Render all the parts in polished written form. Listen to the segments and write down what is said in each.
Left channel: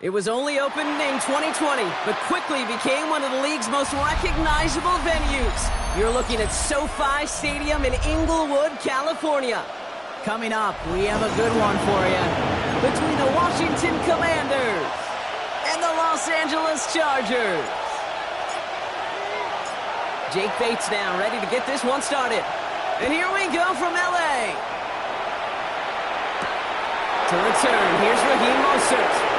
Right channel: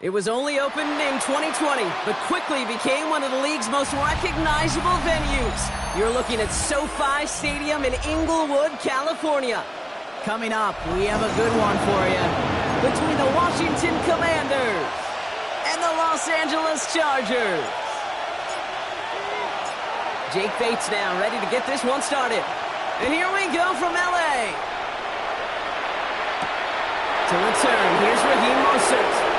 It was only opened in 2020, but quickly became one of the league's most recognizable venues. You're looking at SoFi Stadium in Inglewood, California. Coming up, we have a good one for you. Between the Washington Commanders and the Los Angeles Chargers. Jake Bates now ready to get this one started. And here we go from LA. To return, here's Raheem Mostert.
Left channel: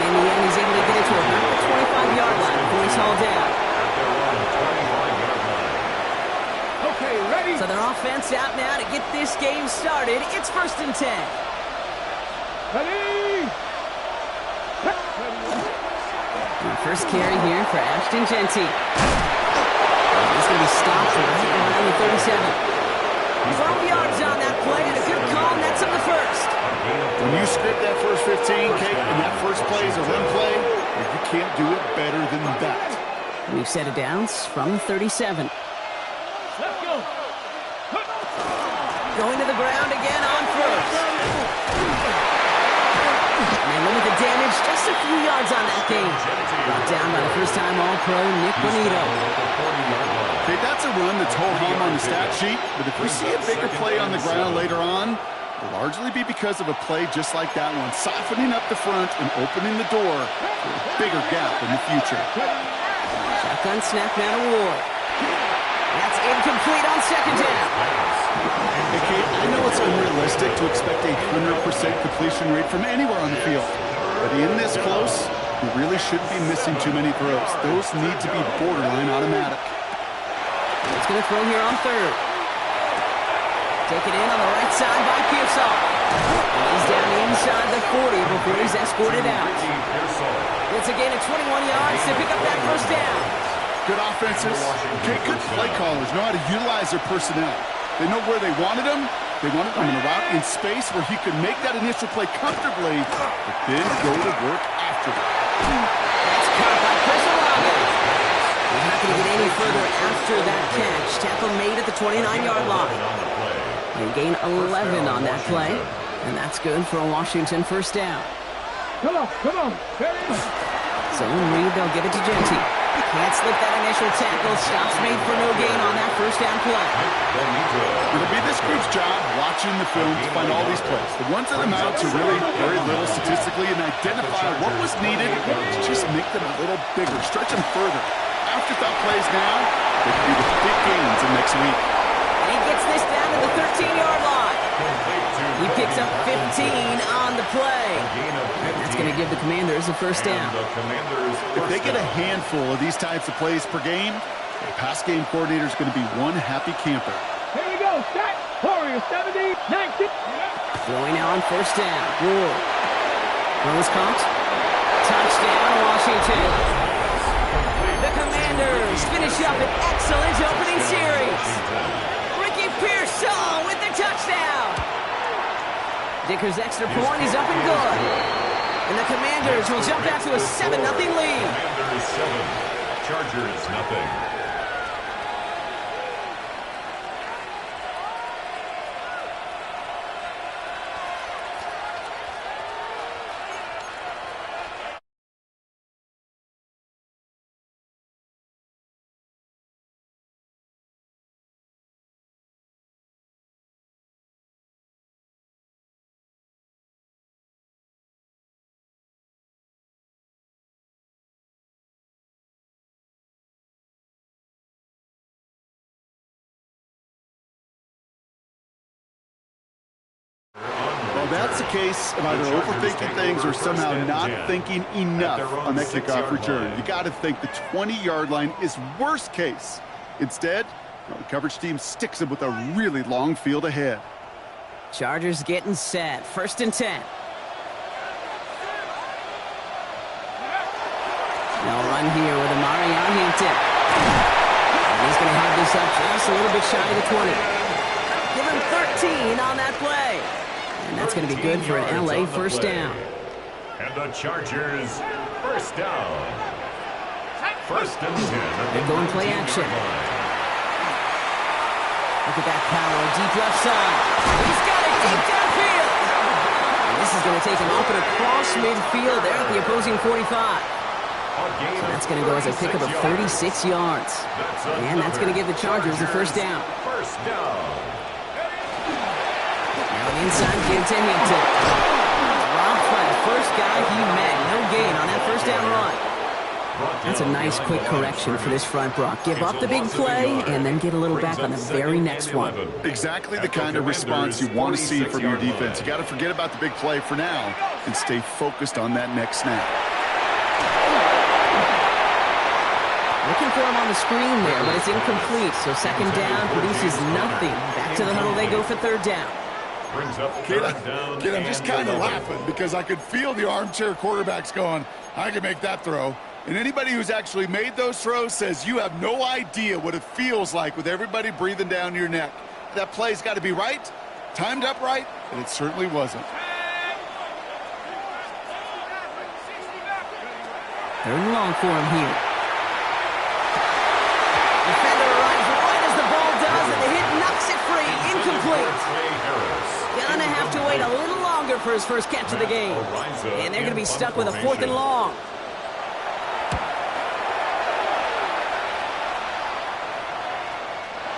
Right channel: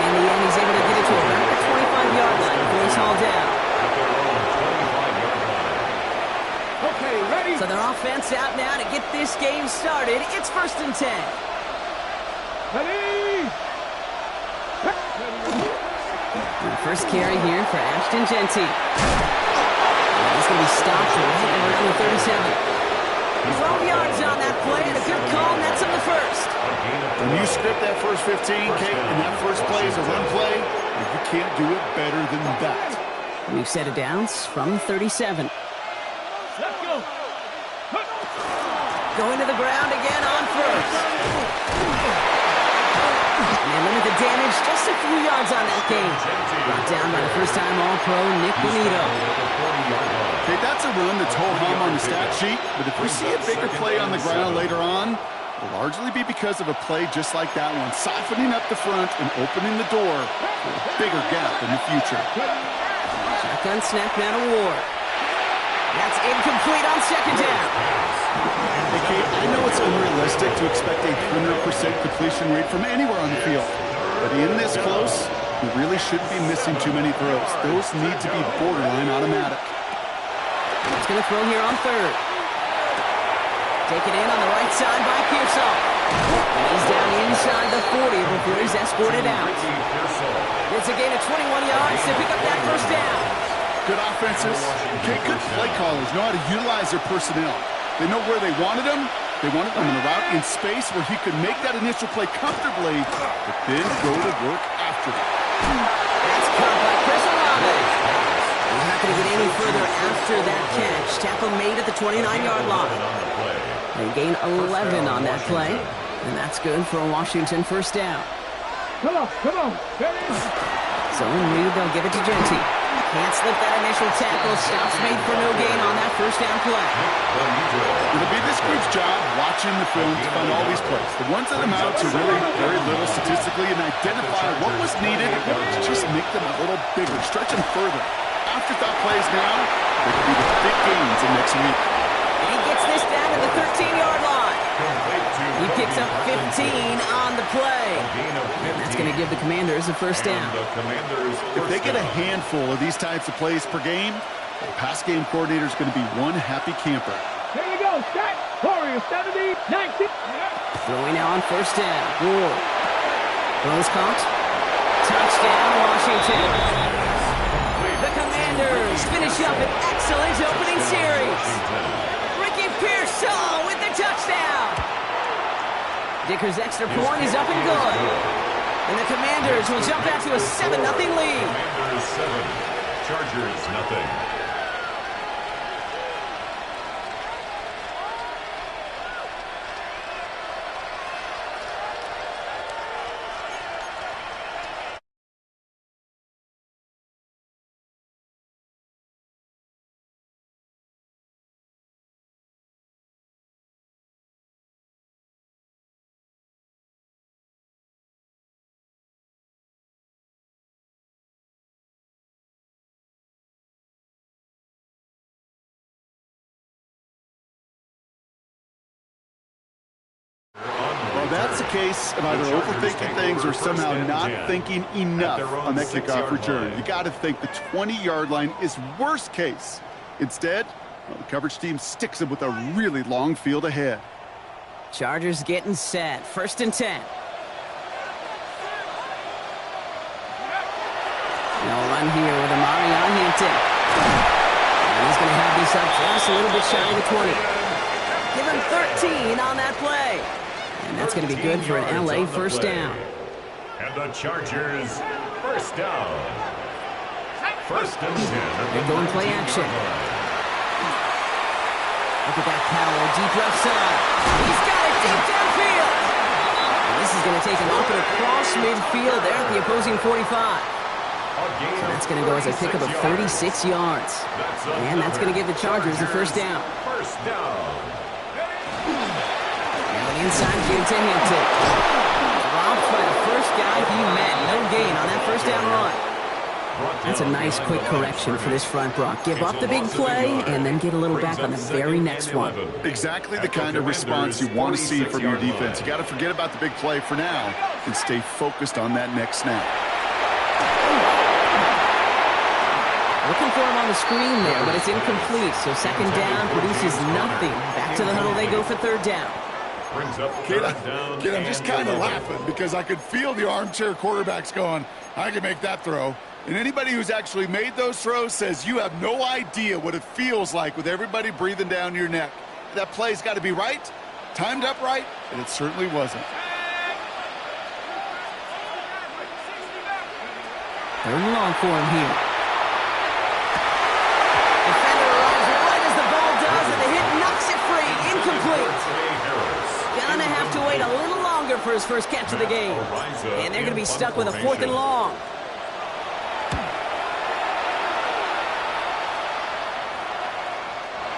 And in the end, he's able to get it to about the 25-yard line before he's hauled down. At their own 25-yard line. Okay, ready? So their offense out now to get this game started. It's 1st and 10. Ready? And first carry here for Ashton Genty. He's going to be stopped right around the 37. 12 yards on that play, and a good call, and that's on the first. When you script that first 15, Kate, and that first play is a run play, you can't do it better than that. New set of downs from 37. Let's go. Going to the ground again on first. And they limit the damage just a few yards on that game. Brought down by the first-time All-Pro Nick Bonito. Okay, that's a run that's ho-hum on the stat sheet, but if we see a bigger play on the ground later on, it'll largely be because of a play just like that one, softening up the front and opening the door for a bigger gap in the future. Shotgun snap now to Ward. That's incomplete on second down. Hey, Kate, I know it's unrealistic to expect a 100% completion rate from anywhere on the field, but in this close, you really shouldn't be missing too many throws. Those need to be borderline automatic. He's going to throw here on third. Take it in on the right side by Pearsall. And he's down inside the 40 before he's escorted out. It's a gain of 21 yards to pick up that first down. Good offenses. Okay, good play callers know how to utilize their personnel. They know where they wanted him. They wanted him in a route in space where he could make that initial play comfortably, but then go to work after it. That's caught by Chris Olave. He's not going to get any further after that catch. Tackle made at the 29-yard line. They gain 11 on that play, and that's good for a Washington first down. Come on. Ready? So in read, they'll give it to Genty. Can't slip that initial tackle. Stops made for no gain on that first down play. It'll be this group's job watching the film to find all these plays. The ones that amount to really very little statistically and identify what was needed to just make them a little bigger, stretch them further. Afterthought plays now, they could be the big gains in next week. And he gets this down to the 13-yard line. He picks up 15 on the play. That's going to give the Commanders a first down. If they get a handful of these types of plays per game, the pass game coordinator is going to be one happy camper. Here we go. Start. Warriors 70, 19. Throwing now on first down. Ward. Throws caught. Touchdown, Washington. The Commanders finish up an excellent opening series. Ricky Pearsall with the touchdown. Dicker's extra point is up and good. And the Commanders will jump out to a 7-0 lead. Commanders 7, Chargers nothing. Well, that's the case of either overthinking things or somehow not thinking enough on that kickoff return. You got to think the 20-yard line is worst case. Instead, well, the coverage team sticks them with a really long field ahead. Chargers getting set. 1st and 10. They'll run here with Amari on Hampton. And he's going to have this up just a little bit shy of the 20. Give him 13 on that play. And that's going to be good for an LA first down. And the Chargers, first down. 1st and 10. They're going play action. Look at that power. Deep left side. He's got it deep downfield. And this is going to take him up and across midfield there at the opposing 45. So that's going to go as a pickup of 36 yards. And that's going to give the Chargers the first down. First down. Now an inside give to Hampton. Dropped by the first guy he met. No gain on that first down run. That's a nice quick correction for this front, Brock. Give up the big play and then get a little back on the very next one. Exactly the kind of response you want to see from your defense. You got to forget about the big play for now and stay focused on that next snap. Looking for him on the screen there, but it's incomplete. So 2nd down produces nothing. Back to the huddle they go for 3rd down. Kid, I'm just kind of laughing because I could feel the armchair quarterbacks going, I can make that throw. And anybody who's actually made those throws says you have no idea what it feels like with everybody breathing down your neck. That play's got to be right, timed up right, and it certainly wasn't. 3rd and long for him here. Defender arrives right as the ball does, and the hit knocks it free. Incomplete. Gonna have to wait a little longer for his first catch of the game. And they're going to be stuck with a 4th and long.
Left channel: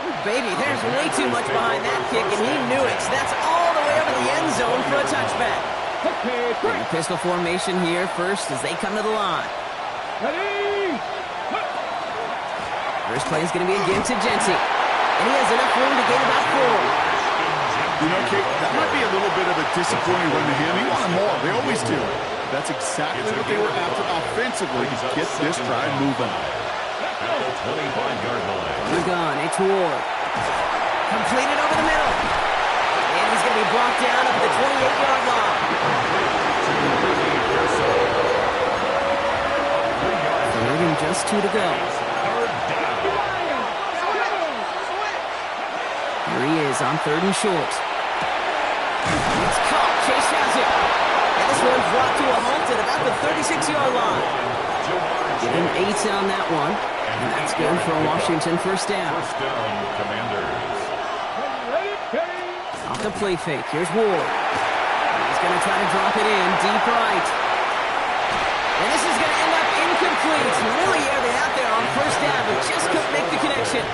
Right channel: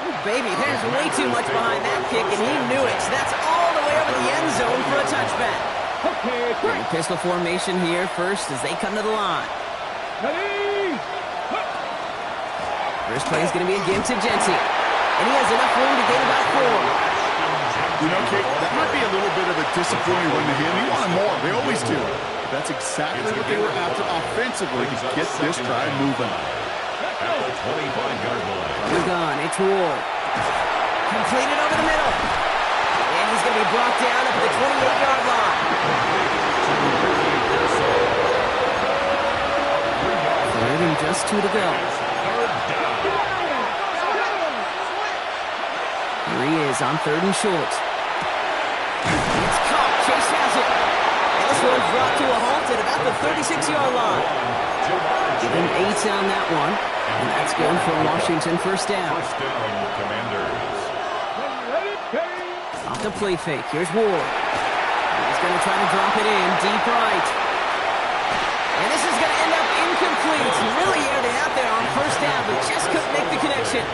Ooh, baby, there's way too much behind that kick, and he knew it. So that's all the way over the end zone for a touchback. Okay, In the pistol formation here first as they come to the line. ready. First play is going to be a give to Jency. And he has enough room to gain about 4. You know, Kate, that might be a little bit of a disappointing run to him. He wanted more. They always do. That's exactly what they were after offensively to get this drive moving. At the 25-yard line. They're gone. It's Ward. Completed over the middle. And he's going to be brought down up at the 28-yard line. Third and just 2 to go. Here he is on 3rd and short. It's caught. Chase has it. And this one's brought to a halt at about the 36-yard line. Give him 8 on that one. And that's good for a Washington first down. First down, Commanders. Off the play fake. Here's Ward. He's going to try to drop it in deep right. And this is going to end up incomplete. He really aired it out there on first down, but just couldn't make the connection.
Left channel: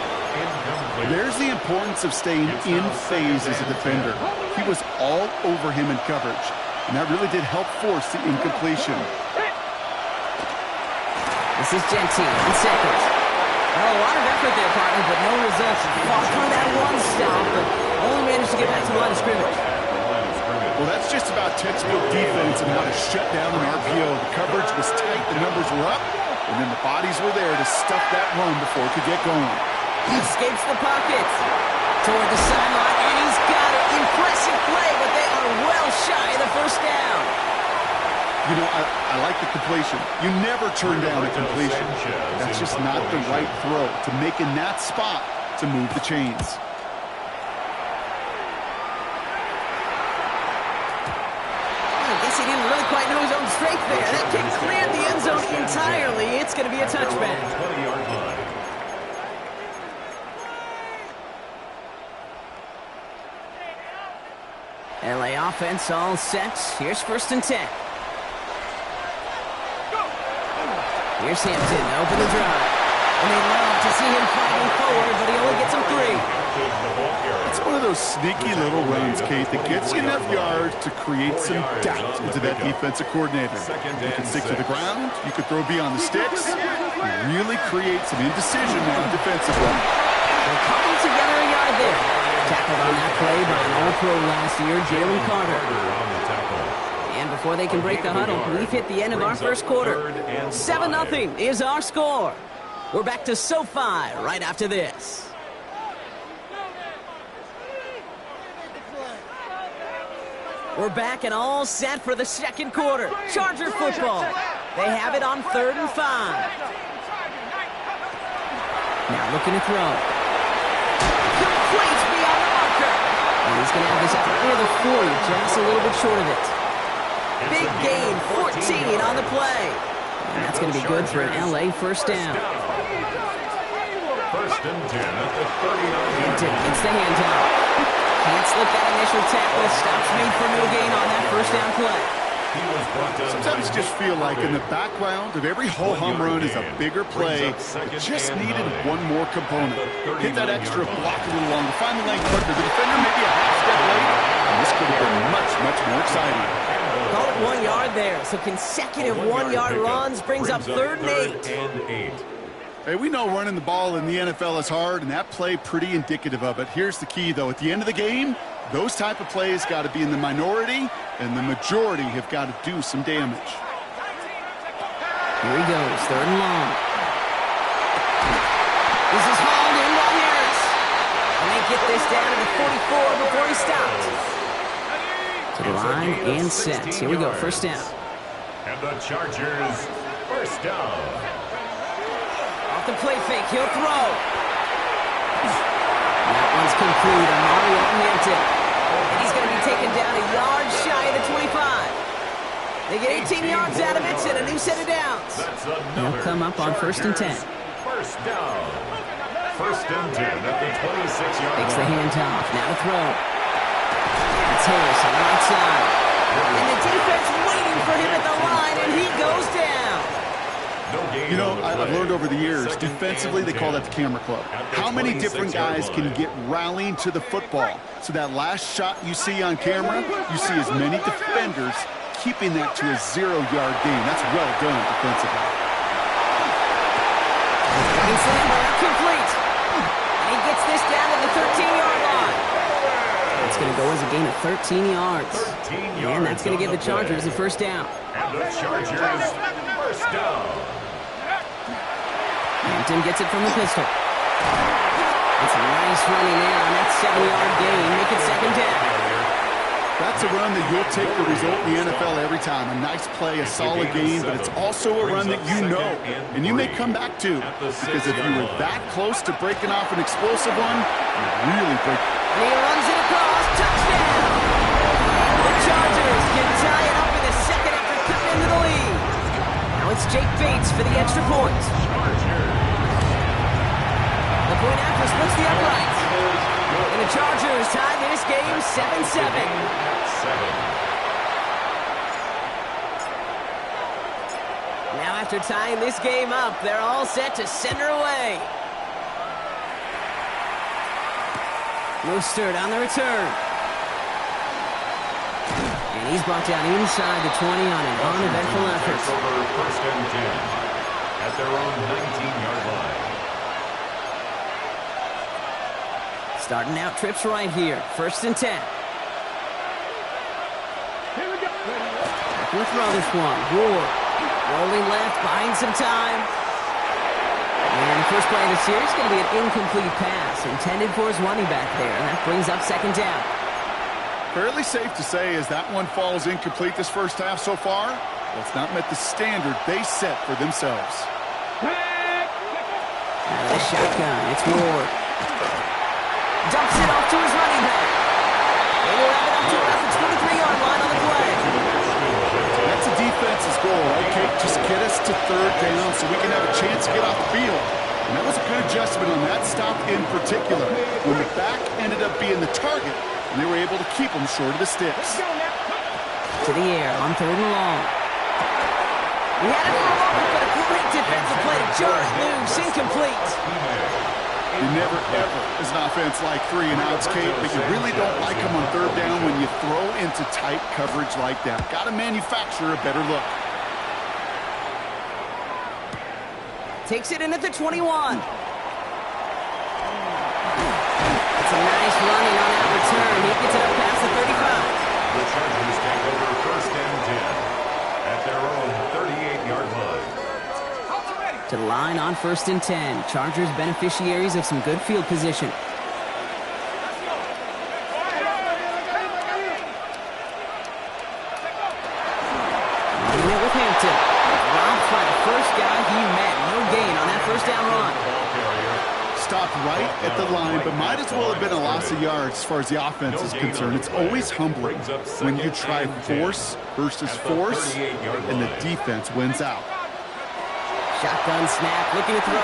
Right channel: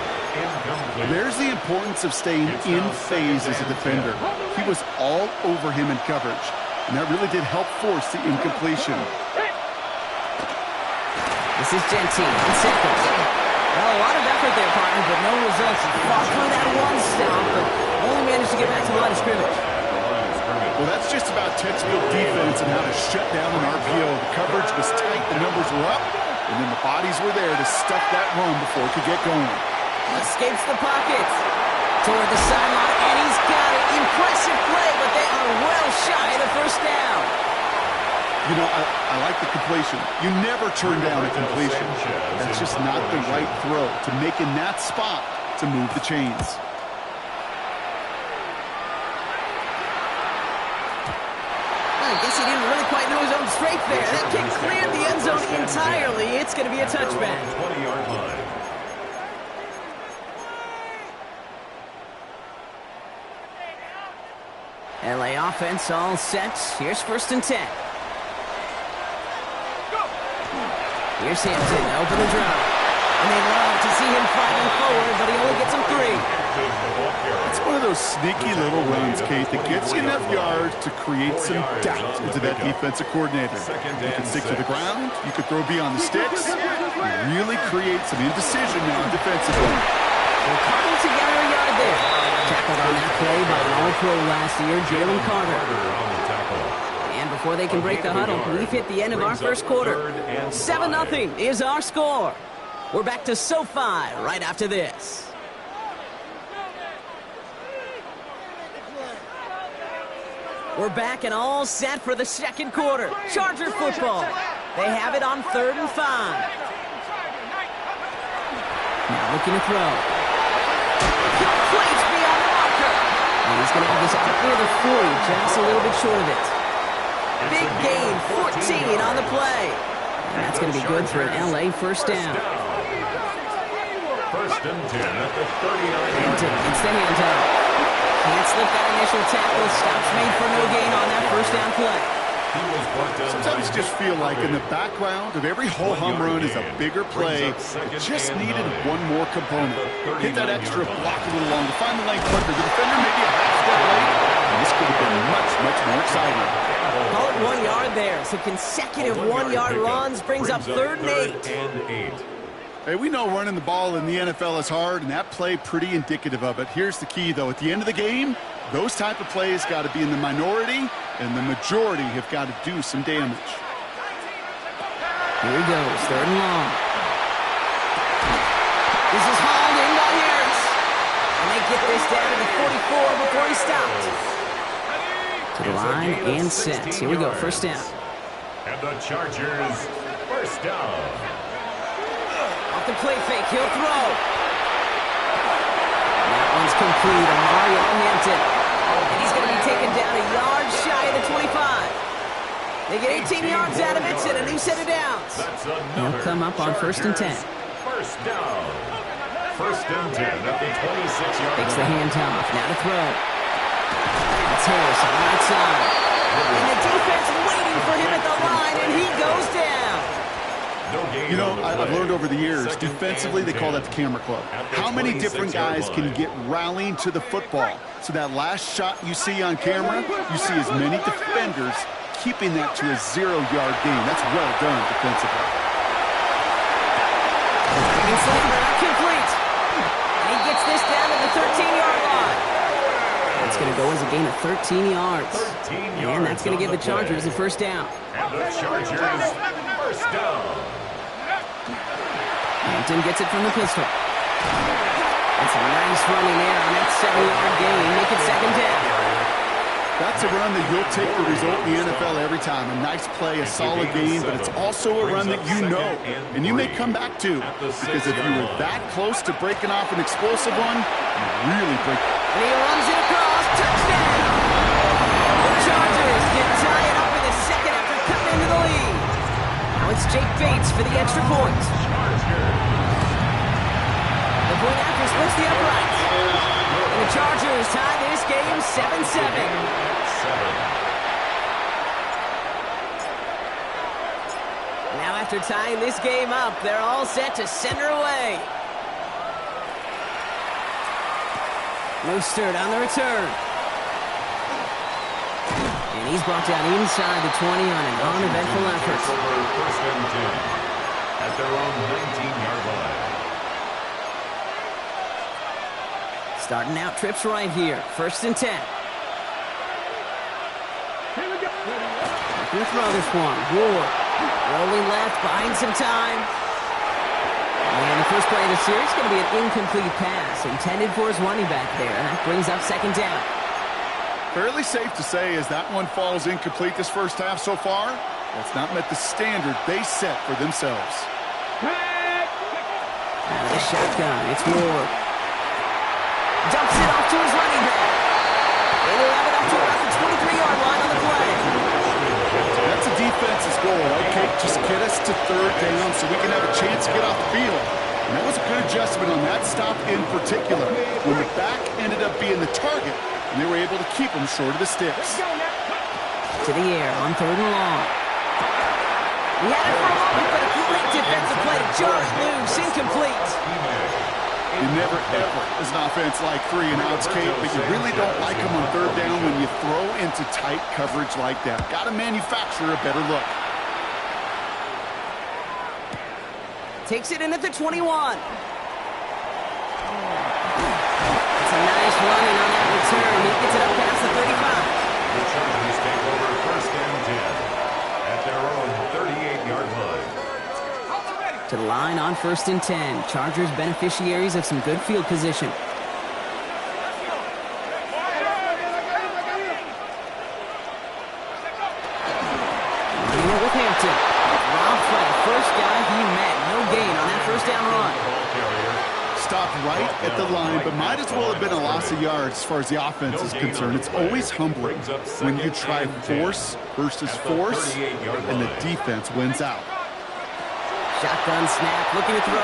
There's the importance of staying in phase as a defender. He was all over him in coverage, and that really did help force the incompletion. This is Jency on 2nd. Well, a lot of effort there, partner, but no results. He fought through that one stop, but only managed to get back to the line of scrimmage. Well, that's just about textbook defense and how to shut down an RPO. The coverage was tight, the numbers were up, and then the bodies were there to stuff that run before it could get going. Escapes the pocket. Toward the sideline, and he's got it. Impressive play, but they are well shy of the first down. You know, I like the completion. You never turn down a completion. That's just not the right throw to make in that spot to move the chains. I guess he didn't really quite know his own strength there. That kick cleared the end zone entirely. It's going to be a touchback. 20-yard line. LA offense all set. Here's 1st and 10. Here's Hampton, open the drive. And they love to see him fighting forward, but he only gets him 3. It's one of those sneaky little runs, Kate, that gets you enough yards to create some doubt into that defensive coordinator. You can stick to the ground, you can throw beyond the sticks, you really create some indecision now defensively. They'll cobble together a yard there. Tackle Tackled on that play by an All-Pro last year, Jalen Carter. On the tackle. And before they can break the huddle, we've hit the end of our first quarter. 7-0 is our score. We're back to SoFi right after this. We're back and all set for the second quarter. Charger football. They have it on 3rd and 5. Now looking to throw. Complete beyond the marker. And he's going to have this out near the 40, just a little bit short of it. Big gain, 14 on the play. And that's going to be good for an LA first down. First and 10 at the 39-yard line. Gets the handoff. Can't slip that initial tackle. Stops made for no gain on that first down play. He was brought down. Sometimes you just feel like in the background of every whole home run is a bigger play. It just needed one more component. Hit that extra block a little longer. Find the lane quicker. The defender maybe a half step late. And this could have been much, much more exciting. Call it 1 yard there. So consecutive 1 yard runs brings up 3rd and 8. Hey, we know running the ball in the NFL is hard, and that play pretty indicative of it. Here's the key, though. At the end of the game, those type of plays got to be in the minority, and the majority have got to do some damage. Here he goes, 3rd and long. This is hauled in by Harris. And they get this down to the 44 before he stopped. To the line and set. Here we go, first down. And the Chargers, first down. Off the play fake, he'll throw. That one's complete, Mario Hampton. And he's going to be taken down a yard shy of the 25. They get 18 yards out of it and a new set of downs. They'll come up on 1st and 10. First down. First and 10 at the 26-yard line. Takes the handoff, now to throw. That's Harris on the right side. And the defense waiting for him at the line, and he goes down. You know, I've learned over the years, defensively, they call that the camera club. How many different guys can get rallying to the football? So that last shot you see on camera, you see as many defenders keeping that to a 0-yard gain. That's well done defensively. Complete. And he gets this down to the 13-yard line. It's going to go as a gain of 13 yards. And that's going to give the Chargers a first down. And the Chargers, first down. Hampton gets it from the pistol. That's a nice running there on that 7-yard gain. Make it second down. That's a run that you'll take the result in the NFL every time. A nice play, a solid gain, but it's also a run that you know and you may come back to. Because if you were that close to breaking off an explosive one, you really break. And he runs it across. Touchdown! The Chargers can tie it up in the second after cutting into the lead. Now it's Jake Bates for the extra point. The point after splits the uprights. And the Chargers tie this game 7-7. Now after tying this game up, they're all set to center away. Mostert on the return. And he's brought down inside the 20 on an uneventful effort. Over first and 10 at their own 19-yard line. Starting out trips right here. 1st and 10. Here we go. Looking to throw this one. Ward rolling left, buying some time. And the first play of the series is going to be an incomplete pass intended for his running back there. And that brings up second down. Fairly safe to say as that one falls incomplete this first half so far, well, it's not met the standard they set for themselves. Out of the shotgun, it's Ward. Dumps it off to his running back. They will have it up to about the 23-yard line on the play. That's a defense's goal, right, Kate? Just get us to 3rd down so we can have a chance to get off the field. And that was a good adjustment on that stop in particular, when the back ended up being the target, and they were able to keep them short of the sticks. To the air on 3rd and long. He had it for a moment, but a great defensive play to jar it loose, incomplete. You never, ever, as an offense, like 3 and outs, Kate, but you really don't like them on 3rd down when you throw into tight coverage like that. Got to manufacture a better look. Takes it in at the 21. It's a nice running on that Chargers take over 1st and 10 at their own 38-yard line. To the line on 1st and 10. Chargers beneficiaries of some good field position. Running it with Hampton. Robbed by the first guy he met. No gain on that 1st down run. Stopped right at the line, but might as well have been a loss of yards as far as the offense is concerned. It's always humbling when you try force versus force, and the defense wins out. Shotgun snap, looking to throw.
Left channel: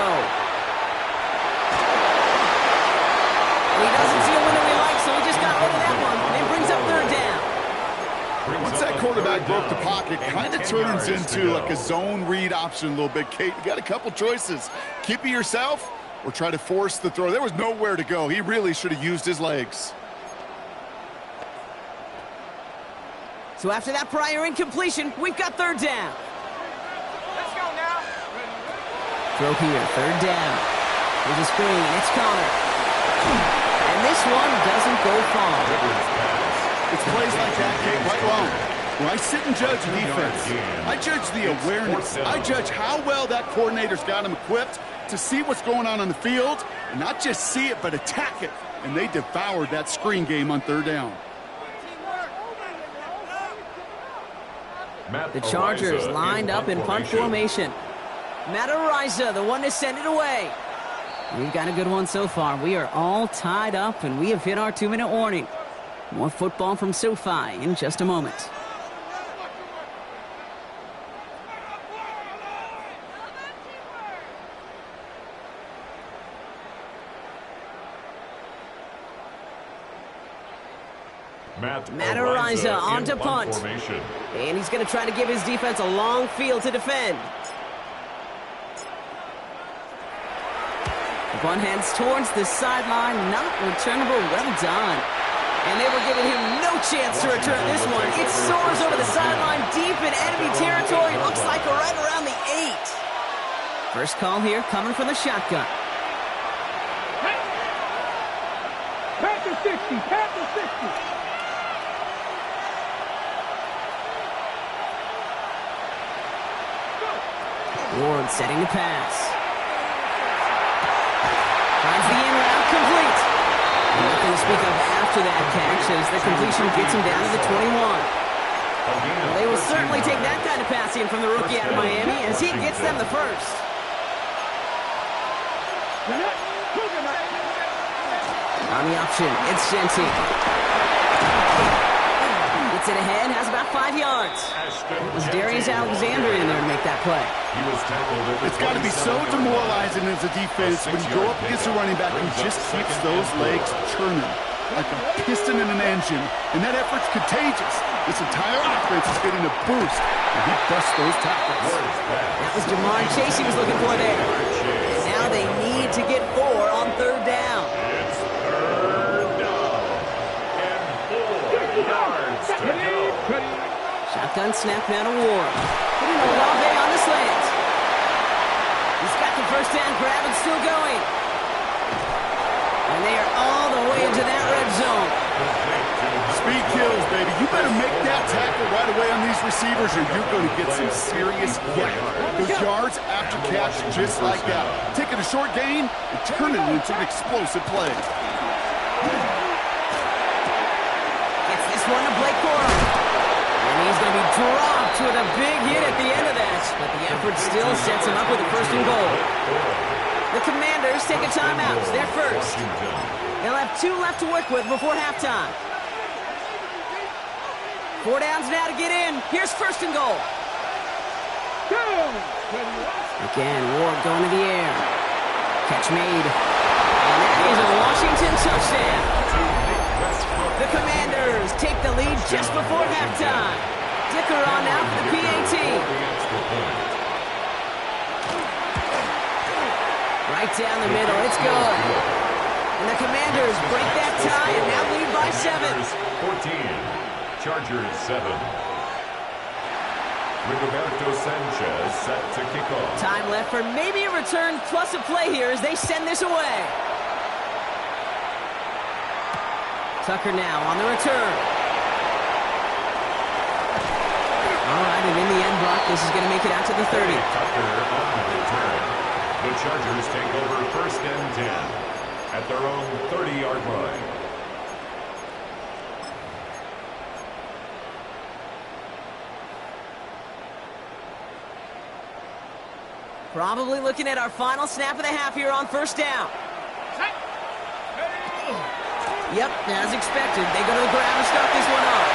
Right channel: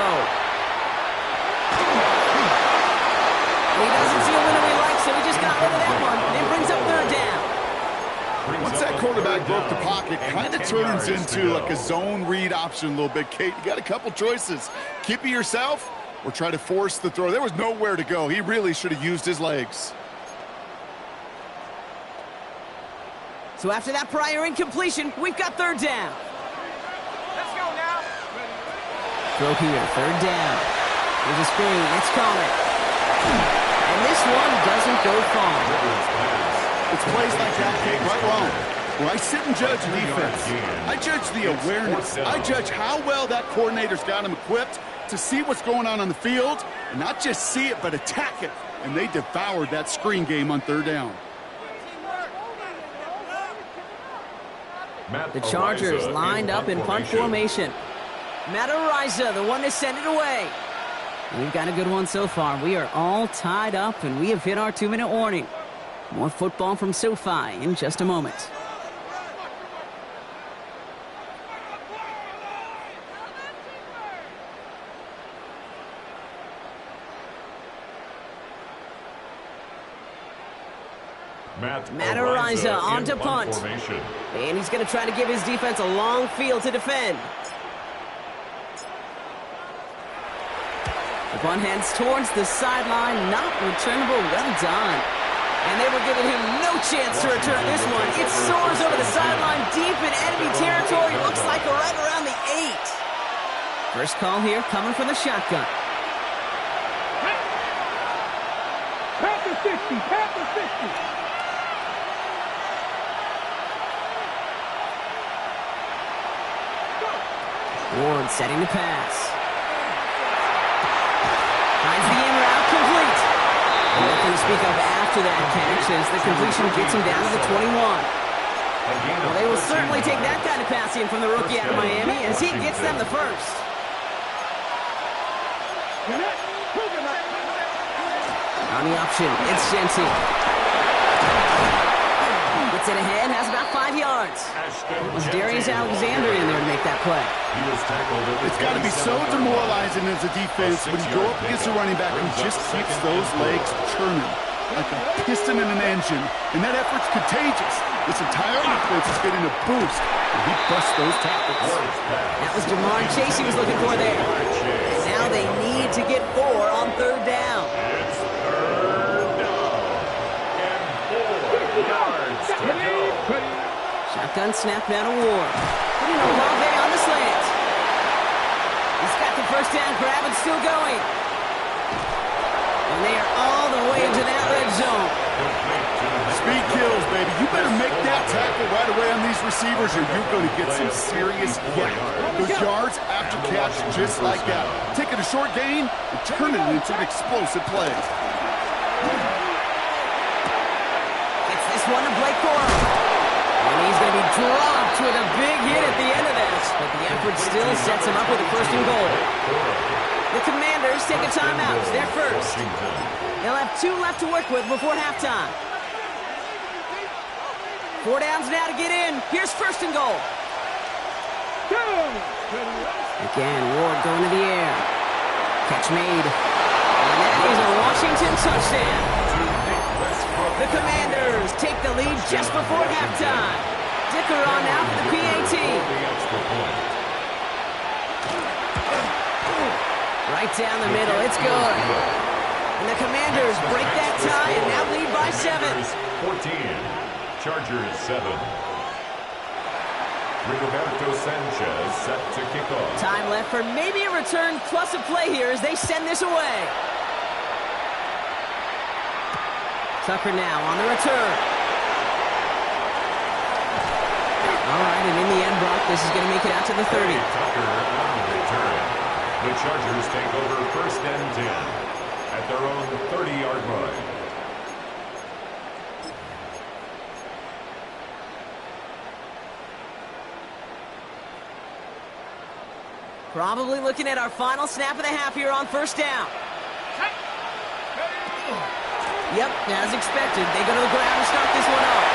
And he doesn't see a window he likes, so he just got rid of that one. And it brings up 3rd down. Once that quarterback broke the pocket, kind of turns into like a zone read option a little bit. Kate, you got a couple choices. Keep it yourself or try to force the throw. There was nowhere to go. He really should have used his legs. So after that prior incompletion, we've got 3rd down. Let's go now. Throw here, 3rd down. Here's a screen, it's Connor. And this one doesn't go far. It's plays like that, Kate, right wrong. When I sit and judge defense, I judge the awareness. I judge how well that coordinator's got him equipped to see what's going on the field, and not just see it, but attack it. And they devoured that screen game on 3rd down. The Chargers lined up in punt formation. Madde, the one to send it away. We've got a good one so far. We are all tied up, and we have hit our 2-minute warning. More football from SoFi in just a moment. Madde on to punt. And he's going to try to give his defense a long field to defend. The punt heads towards the sideline. Not returnable. Well done. And they were giving him no chance to return this one. It soars over the sideline deep in enemy territory. Looks like right around the 8. First call here coming from the shotgun. Panther 60, Panther 60. Ward setting to pass. Finds the in route complete. Nothing to speak of after that catch as the completion gets him down to the 21. Well, they will certainly take that kind of passing from the rookie out of Miami as he gets them the first. On the option, it's Genty. Gets it ahead, has about 5 yards. It was Darius Alexander in there to make that play. It's got to be so demoralizing as a defense when you go up against a running back who just keeps those legs churning like a piston in an engine, and that effort's contagious. This entire offense is getting a boost, and he busts those tackles. That was Jamar Chase he was looking for there. And now they need to get 4 on 3rd down. It's 3rd down and 4 yards to go. Shotgun snap now to Ward. Hitting Olave on the slant. He's got the 1st down grab and still going. And they are all the way into that red zone. Speed kills, baby. You better make that tackle right away on these receivers or you're going to get some serious yak. Those yards after catch just like that. Taking a short gain and turning it into an explosive play. Gets this one to Blake Corum. And he's going to be dropped with a big hit at the end of that. But the effort still sets him up with a 1st and goal. The Commanders take a timeout. They're first. They'll have 2 left to work with before halftime. 4 downs now to get in. Here's 1st and goal. Again, Ward going to the air. Catch made. And that is a Washington touchdown. The Commanders take the lead just before halftime. Dicker on now for the PAT. Right down the middle, it's good. And the Commanders break that tie and now lead by 7. 14, Chargers 7. Rigoberto Sanchez set to kick off. Time left for maybe a return plus a play here as they send this away. Tucker now on the return. All right, and in the end, Brock, this is going to make it out to the 30. Tucker on the return. The Chargers take over 1st and 10 at their own 30-yard line. Probably looking at our final snap of the half here on 1st down. Yep, as expected, they go to the ground to start this one off.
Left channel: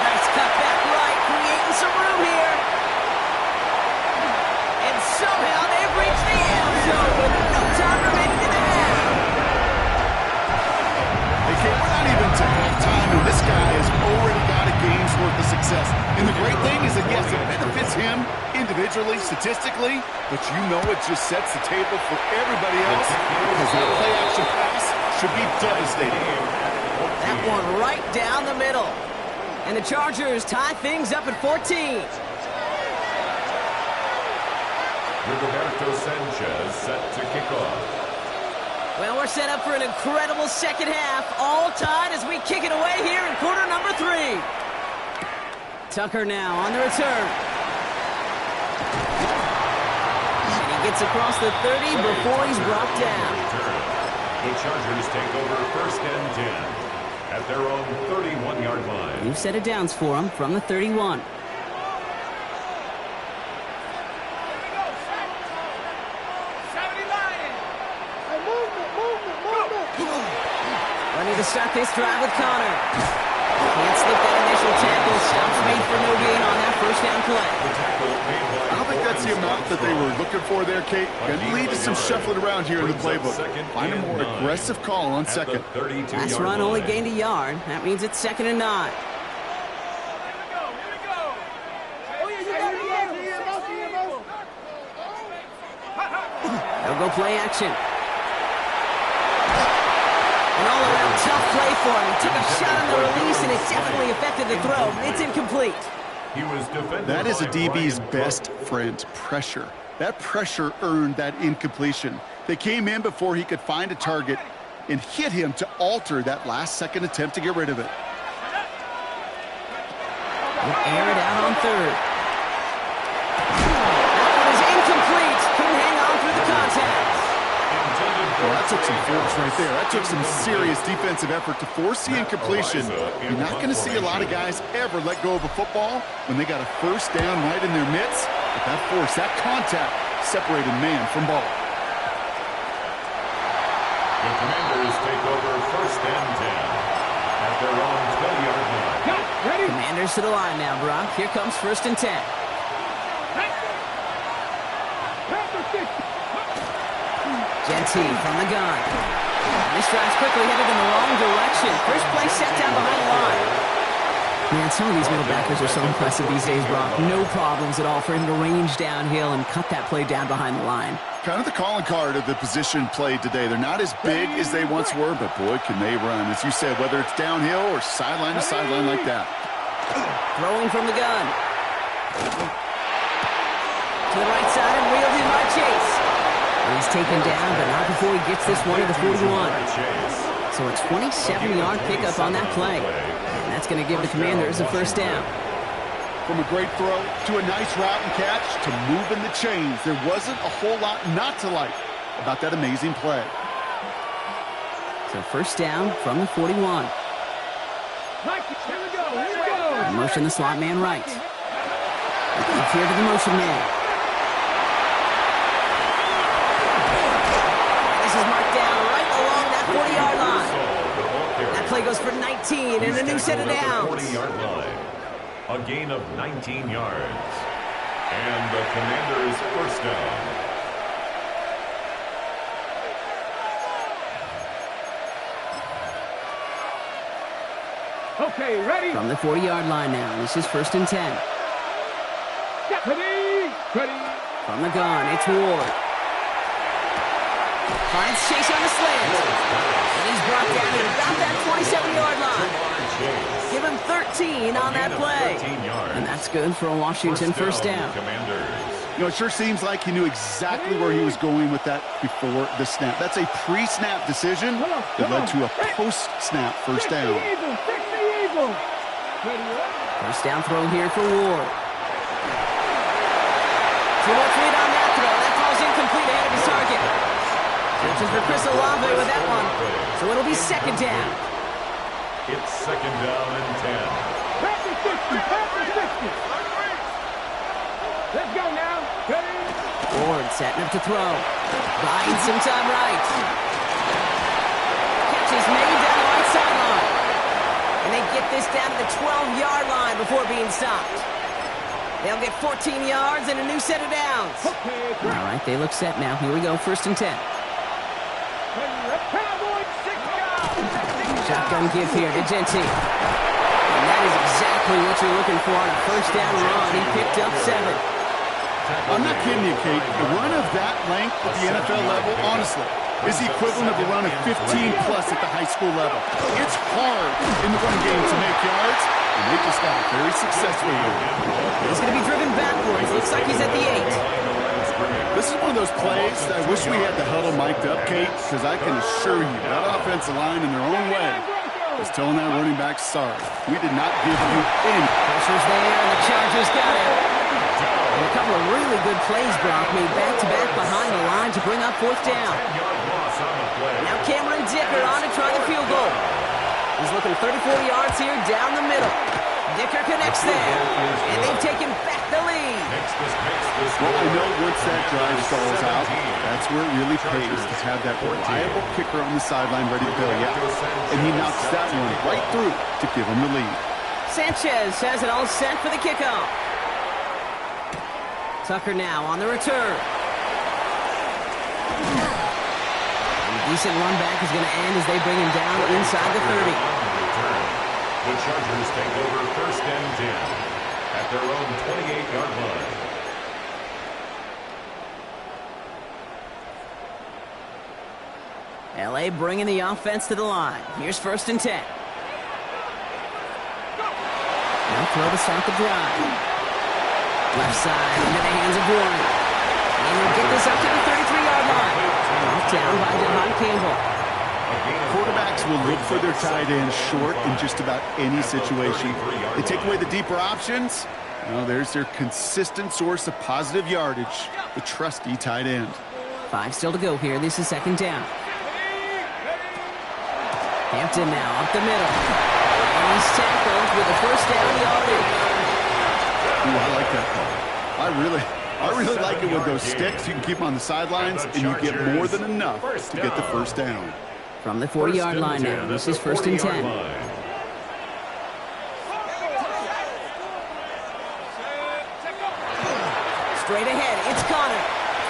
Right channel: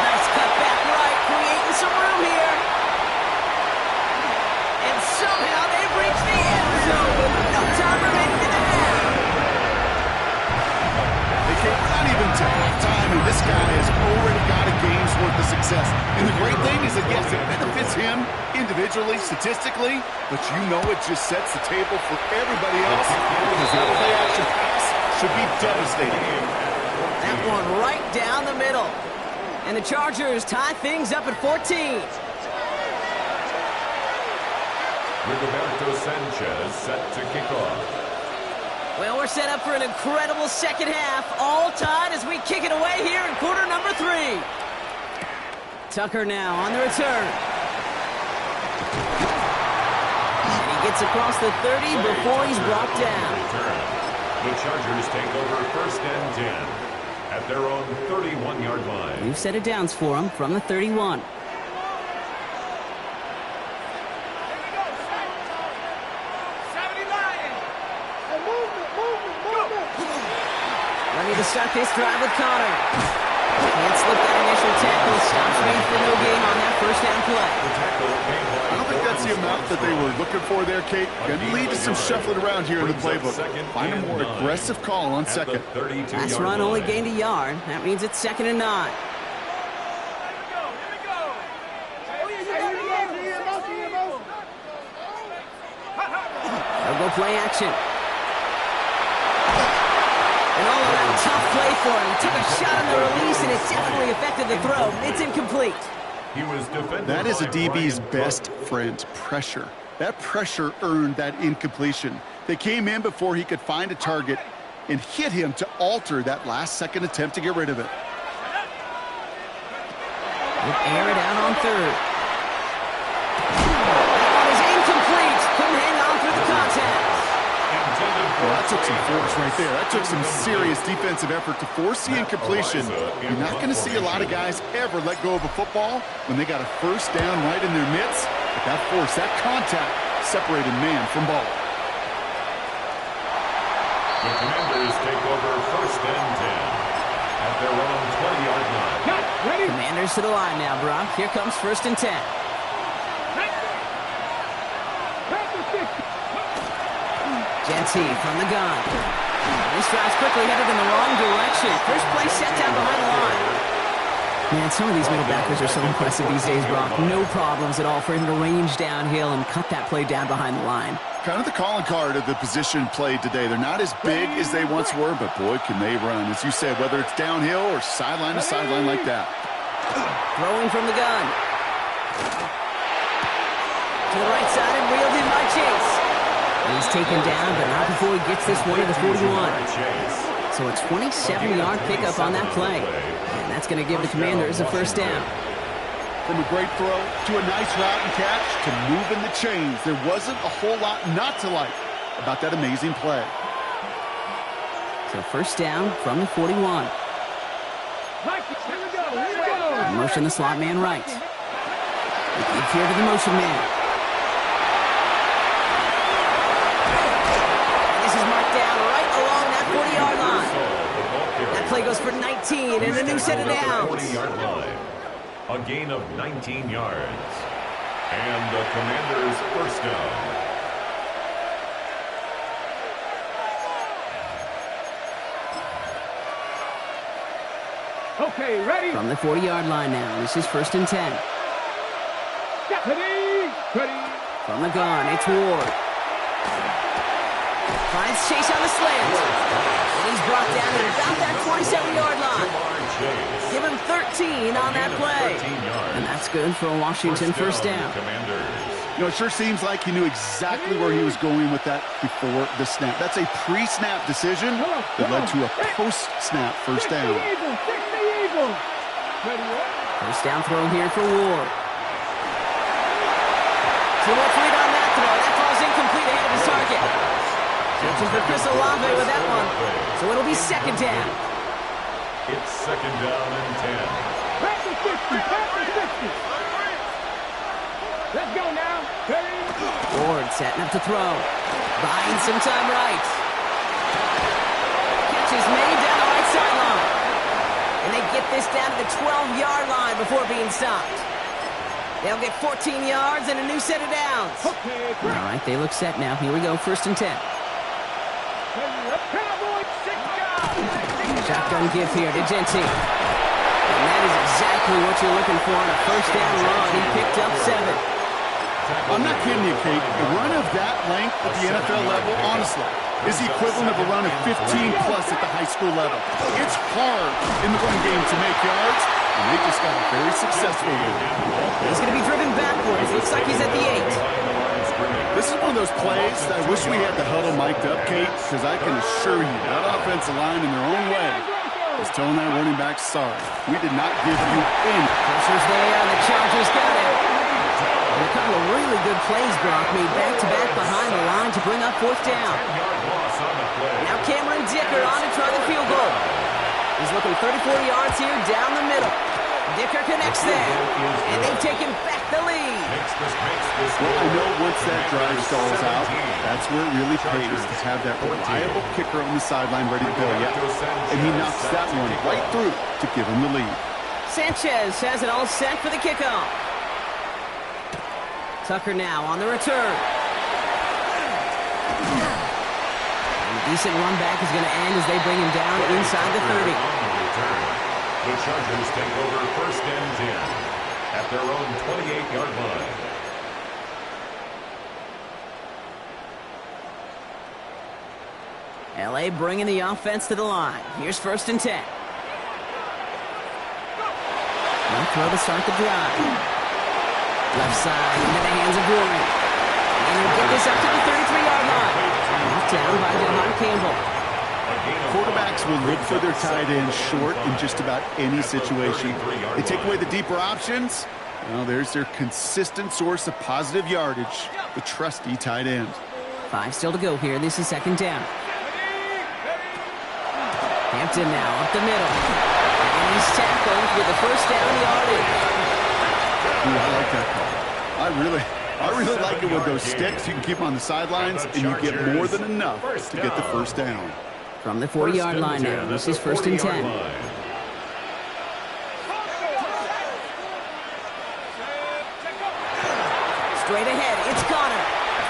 Nice cut back right, creating some room here. And somehow they've reached the end zone with no time remaining in the half. Okay, we're not even to halftime, and this guy has already got a game's worth of success. And the great thing is that, yes, it benefits him individually, statistically, but you know it just sets the table for everybody else because that play-action pass should be devastating. That one right down the middle. And the Chargers tie things up at 14. Rigoberto Sanchez set to kick off. Well, we're set up for an incredible second half. All tied as we kick it away here in quarter number 3. Tucker now on the return. And he gets across the 30 before he's brought down. The Chargers take over 1st and 10 at their own 31-yard line. We've set it downs for him from the 31. Ready to start this drive with Connor. Can't slip that initial tackle. Stops made for no gain on that 1st down play. I don't think that's the amount that they were looking for there, Kate. Can lead to some shuffling around here in the playbook. Find a more aggressive call on second. Last run only gained a yard. That means it's 2nd and 9. They'll go play action. An all-around tough play for him. He took a shot on the release, and it definitely affected the throw. It's incomplete. That is a DB's best friend, pressure. That pressure earned that incompletion. They came in before he could find a target and hit him to alter that last-second attempt to get rid of it. We'll air it out on 3rd. That one is incomplete. Couldn't hang on through the contact. Well, that took some force right there. That took some serious defensive effort to force the incompletion. You're not going to see a lot of guys ever let go of a football when they got a 1st down right in their midst. But that force, that contact, separated man from ball. The Commanders take over 1st and 10 at their own 20-yard line. Ready? Commanders to the line now, Brock. Here comes 1st and 10. Genty from the gun. This drive's quickly headed in the wrong direction. First play set down behind the line. Man, some of these middle backers are so impressive these days, Brock. No problems at all for him to range downhill and cut that play down behind the line. Kind of the calling card of the position played today. They're not as big as they once were, but boy, can they run. As you said, whether it's downhill or sideline to sideline like that. Throwing from the gun. To the right side and reeled in by Chase. He's taken down, but not before he gets this one to the 41. So a 27-yard pickup on that play. And that's going to give the Commanders a 1st down. From a great throw to a nice route and catch to moving the chains, there wasn't a whole lot not to like about that amazing play. So 1st down from the 41. Here we go. Motion the slot man right. We keep here to the motion man. Marked down right along that 40-yard line. That play goes for 19 and a new set of downs. 40-yard line. A gain of 19 yards. And the Commanders' 1st down. Okay, ready? From the 40-yard line now. This is 1st and 10. Ready? From the gun, it's Ward. Finds Chase on the slant. And he's brought down at about that 27-yard line. Give him 13 on that play. And that's good for a Washington 1st down. You know, it sure seems like he knew exactly where he was going with that before the snap. That's a pre-snap decision that led to a post-snap 1st down. Ready, up. First down throw here for Ward. Too much lead on that throw. That falls incomplete ahead of his target. Searching for Chris Olave with that one. So it'll be second down. It's second down and 10. Pass the 60, pass the 60. Let's go now. Ready? Ward setting up to throw. Buying some time right. Catch is made down the right sideline. And they get this down to the 12-yard line before being stopped. They'll get 14 yards and a new set of downs. Okay, All right, they look set now. Here we go, first and 10. Cowboys, 6 down. Shotgun give here to Genty. And that is exactly what you're looking for on a first down run. He picked up 7. I'm not kidding you, Kate. A run of that length at the NFL level, honestly, is the equivalent of a run of 15-plus at the high school level. It's hard in the run game to make yards, and they just got a very successful one. He's going to be driven backwards. Looks like he's at the 8. This is one of those plays that I wish we had the huddle mic'd up, Kate, because I can assure you that offensive line in their own way is telling that running back, sorry, we did not give you any. Pressure's there, and the Chargers got him. And a couple of really good plays, Brock, made back-to-back behind the line to bring up fourth down. Now Cameron Dicker on to try the field goal. He's looking 34 yards here down the middle. Dicker connects there, and they've taken back the lead. Well, I know once that drive stalls out, that's where it really pays to have that reliable kicker on the sideline ready to bail you out. And he knocks that one right through to give him the lead. Sanchez has it all set for the kickoff. Tucker now on the return. And a decent run back is going to end as they bring him down inside the 30. The Chargers take over first and 10 at their own 28-yard line. LA bringing the offense to the line. Here's first and 10. Now throw to start the drive. Left side into the hands of Warren. And he'll get this up to the 33-yard line. Off down by Jahan Campbell. Quarterbacks will look for their tight end short in just about any situation. They take away the deeper options. Well, there's their consistent source of positive yardage, the trusty tight end. 5 still to go here. This is second down. Hampton now up the middle. And he's tackled with the first down yardage. Ooh, I like that call. I really like it with those sticks. You can keep them on the sidelines, and you get more than enough to get the first down. From the 40-yard line now, this is first and 10. Straight ahead, it's Connor.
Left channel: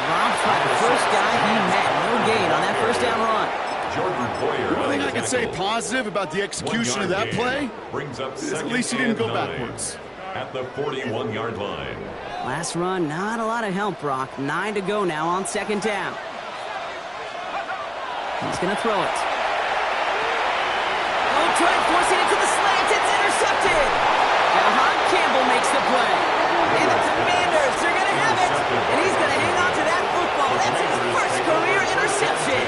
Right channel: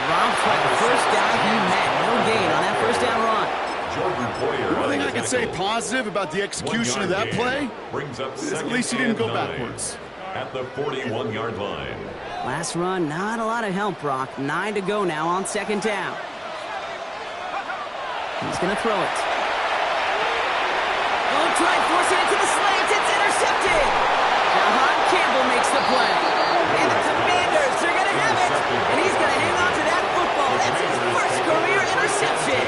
Dropped by the first guy he met. No gain on that first down run. One thing I can say positive about the execution of that play is at least he didn't go backwards. At the 41-yard line. Last run, not a lot of help, Brock. 9 to go now on second down. He's going to throw it. Oh, try forcing it to the slant. It's intercepted. Jahan Campbell makes the play. And the Commanders, they're going to have it. And he's going to hang on to that football. That's his first career interception.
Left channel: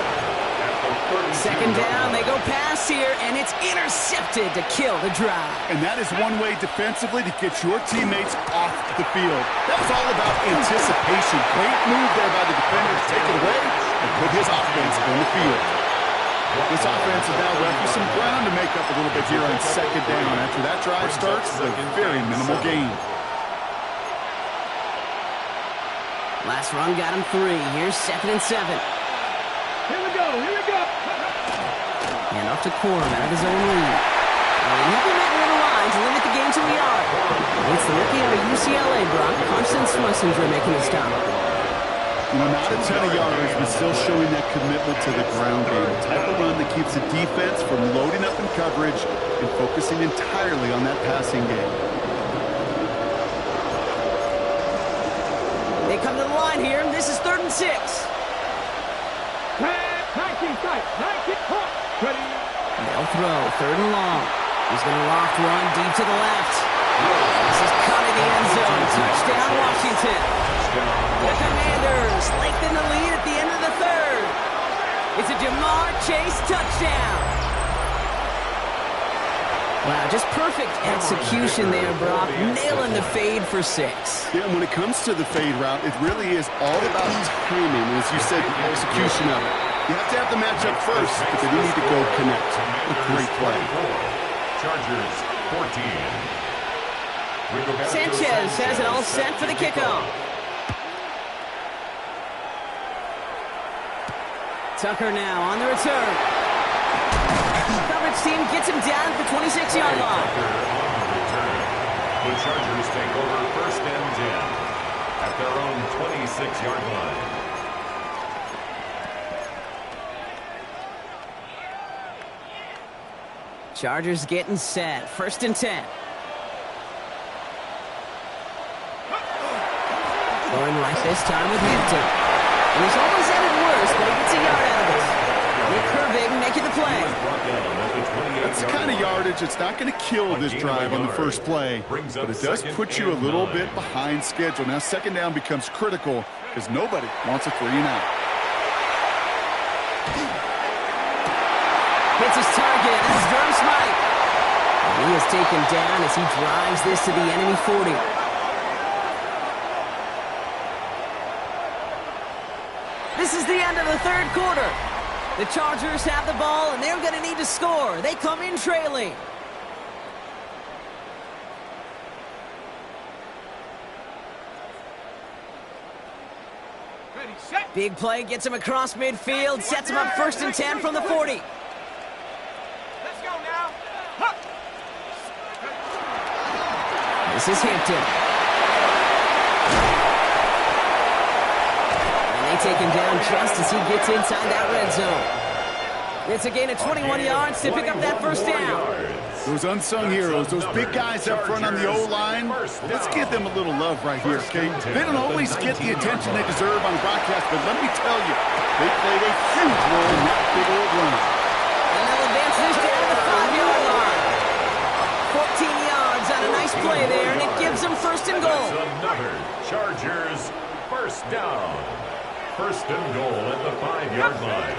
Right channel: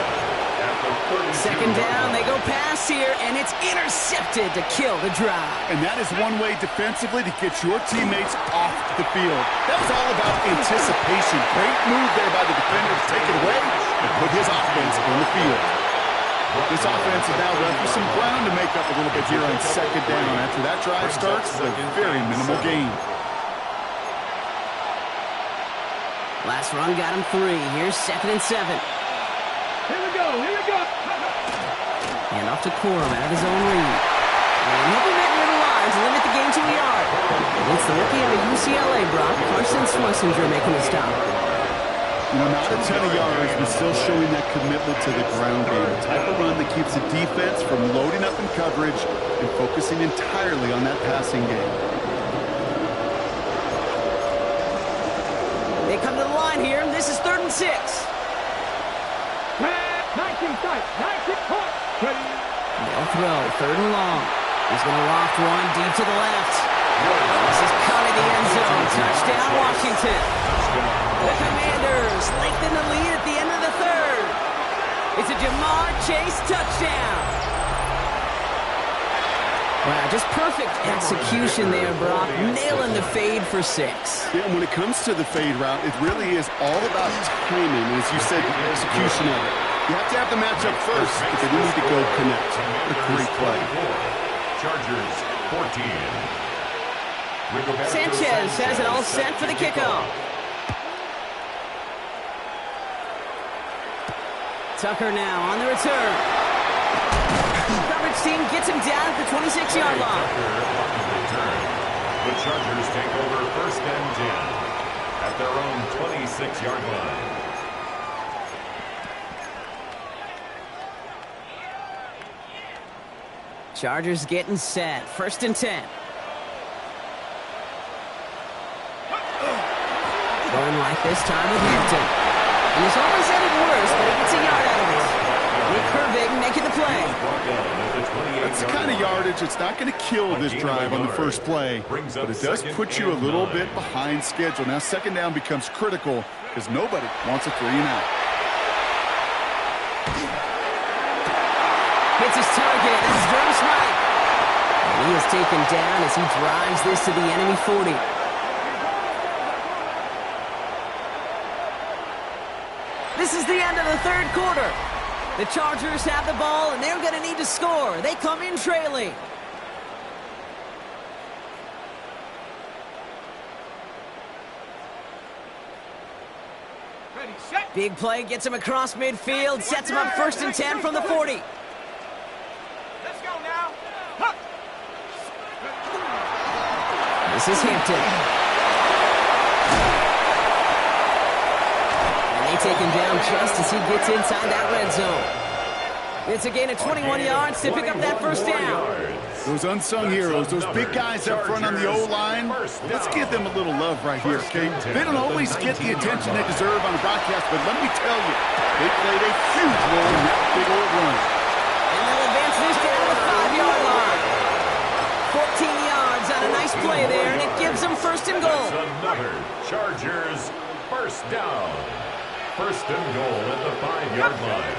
Second down, they go pass here, and it's intercepted to kill the drive. And that is one way defensively to get your teammates off the field. That was all about anticipation. Great move there by the defender to take it away and put his offense on the field. This offense is now left with some ground to make up a little bit here on second down. After that drive starts, it's a very minimal gain. Last run got him 3. Here's second and 7. Here we go, here we go. And off to Corum out of his own read. And he'll be met near the line to limit the game to a yard. It's the rookie out of UCLA, Brock, Carson Schlesinger, making the stop. You know, not a ton of yards, but still showing that commitment to the ground game. The type of run that keeps the defense from loading up in coverage and focusing entirely on that passing game. They come to the line here. This is 3rd and 6. 19 tight, 19 point. Ready. They'll throw 3rd and long. He's going to loft one deep to the left. This is coming the end zone. Touchdown, Washington. The Commanders lengthen the lead at the end of the 3rd. It's a Jamar Chase touchdown. Wow, just perfect execution there, Brock. Nailing the fade for 6. Yeah, and when it comes to the fade route, it really is all about timing. As you said, the execution of it. You have to have the matchup first, but then you need to go connect. A great play. Chargers 14. Sanchez has it all set for the kickoff. Tucker now on the return. Coverage team gets him down at the 26-yard line. Tucker on the return. The Chargers take over 1st and 10 at their own 26-yard line. Chargers getting set. 1st and 10. Going right this time with Hampton. And he's almost ended worse, but he gets a yard out of it. Nick Herbig making the play. That's the kind of yardage that's not going to kill this drive on the first play, but it does put you a little bit behind schedule. Now 2nd down becomes critical because nobody wants a 3 and out. Hits his target. This is Durham Smythe. And he is taken down as he drives this to the enemy 40. This is the end of the 3rd quarter. The Chargers have the ball, and they're going to need to score. They come in trailing. Ready, set. Big play gets him across midfield, sets him up 1st and 10 from the 40. Let's go now. Huh. This is Hampton. They take him down just as he gets inside that red zone. It's a gain of 21 yards to pick up that 1st down. Those unsung heroes, those big guys up front on the O-line, let's give them a little love right here, okay? They don't always get the attention they deserve on broadcast, but let me tell you, they played a huge role in that big old run. And they'll advance this down to the 5-yard line. 14 yards on a nice play there, and it gives them 1st and goal. That's another Chargers 1st down. 1st and goal at the 5-yard line.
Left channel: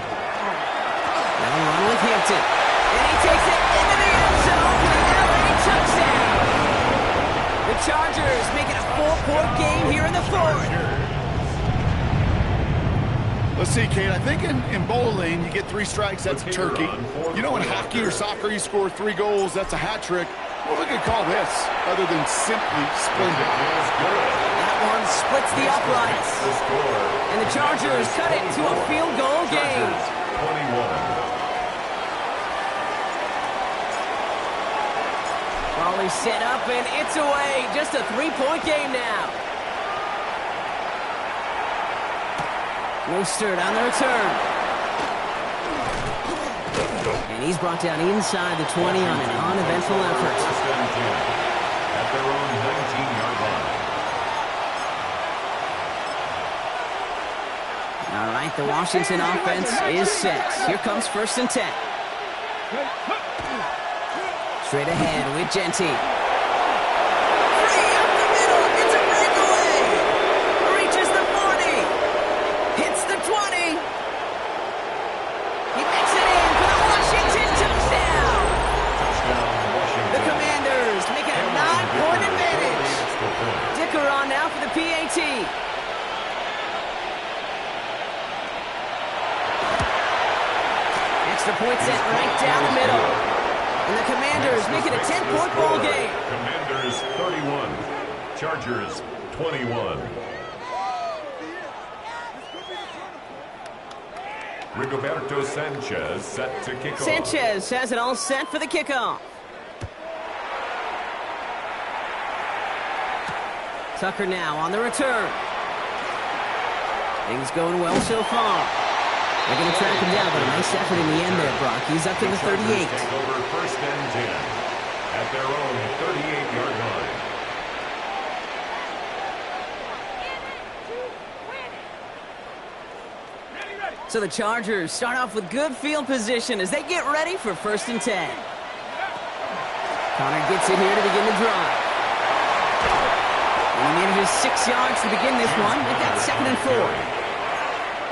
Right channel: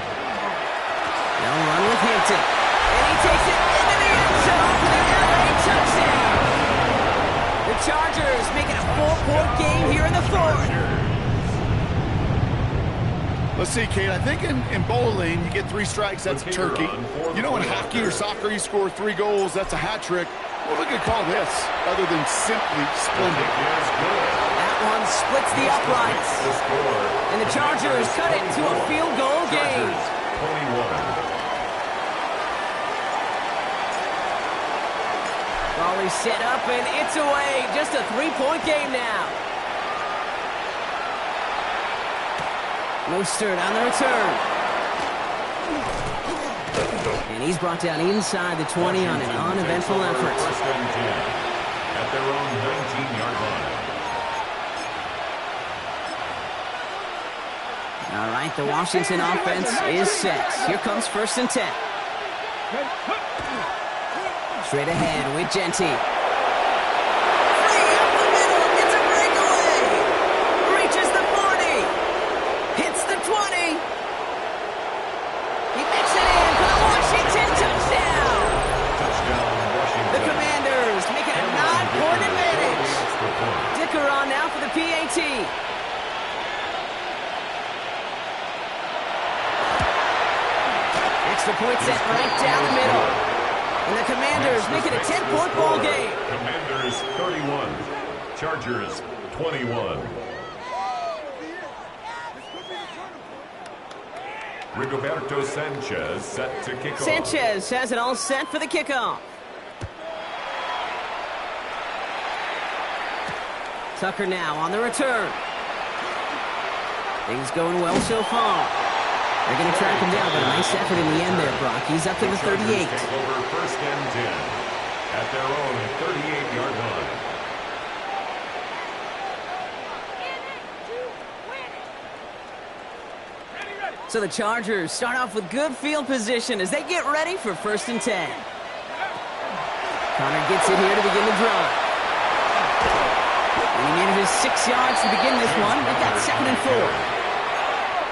They'll run with Hampton. And he takes it into the end zone for the LA touchdown. The Chargers making a 4-point game here in the 4th. Let's see, Kate, I think in bowling, you get 3 strikes, that's a turkey. You know, in hockey or soccer, you score 3 goals, that's a hat trick. What we could call this, other than simply splendid? That one splits the uprights. And the Chargers cut it to a field goal game. 21. Raleigh set up, and it's away. Just a 3-point game now. Mostert on the return. And he's brought down inside the 20 on an uneventful effort. 1st and 10 at their own 19-yard line. All right, the Washington offense is set. Here comes 1st and 10. Straight ahead with Genty. Free up the middle. It's a breakaway. Reaches the 40. Hits the 20. He makes it in for the Washington touchdown. Touchdown, Washington. The Commanders making a 9-point advantage. Dicker on now for the PAT. Extra point set right down the middle. And the Commanders make it a 10-point ball game. Commanders 31, Chargers 21. Rigoberto Sanchez set to kick off. Sanchez has it all set for the kickoff. Tucker now on the return. Things going well so far. They're going to track him down, but a nice effort in the end there, Brock. He's up to the 38. Take over 1st and 10 at their own 38-yard line. So the Chargers start off with good field position as they get ready for 1st and 10. Connor gets it here to begin the drive. And he manages 6 yards to begin this one. They've got 2nd and 4.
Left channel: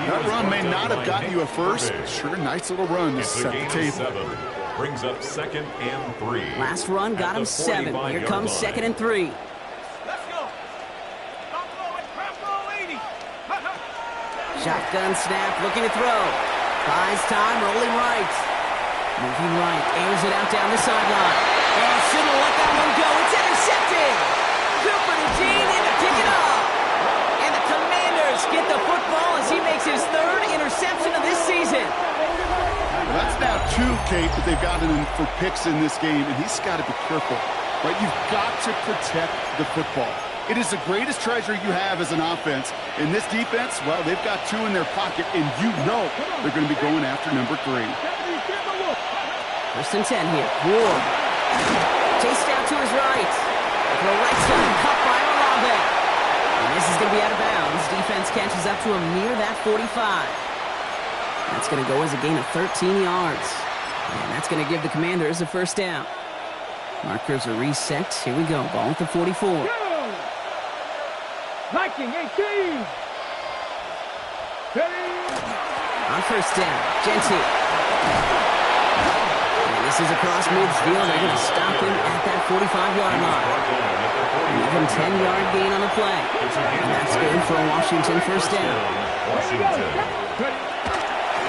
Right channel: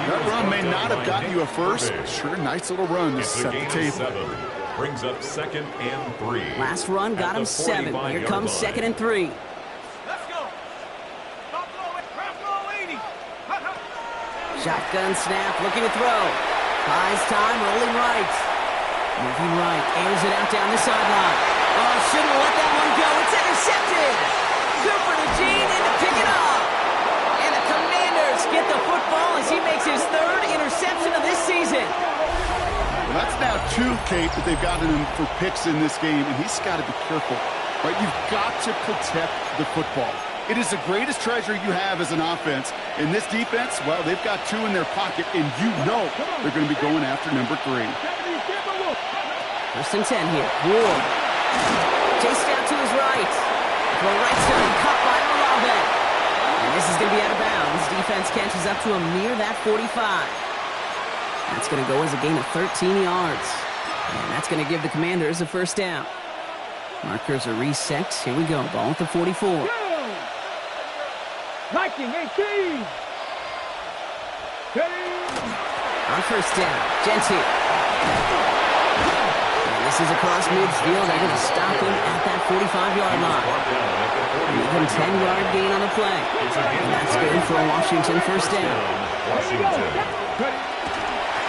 That run may not have gotten you a first. Sure, nice little run to set the table. Brings up 2nd and 3. Last run got him 7. Here comes 2nd and 3. Let's go. Drop low 80. Shotgun snap, looking to throw. Buys time, rolling right. Moving right, airs it out down the sideline. Oh, shouldn't have let that one go. It's intercepted. Cooper to Gene in to pick it up. And the Commanders get the football as he makes his 3rd interception of this season. Well, that's now 2, Kate, that they've gotten him for picks in this game, and he's got to be careful. Right? You've got to protect the football. It is the greatest treasure you have as an offense. In this defense, well, they've got 2 in their pocket, and you know they're going to be going after number 3. 1st and 10 here. Ward. Chased out to his right. Throw right side, cut by Olave. And this is going to be out of bounds. Defense catches up to him near that 45. That's going to go as a gain of 13 yards. And that's going to give the Commanders a 1st down. Markers are reset. Here we go. Ball at the 44. Liking 18. On 1st down, Genty. And this is across midfield. They're going to stop him at that 45-yard line. Even 10-yard gain on the play. And that's good for a Washington 1st down.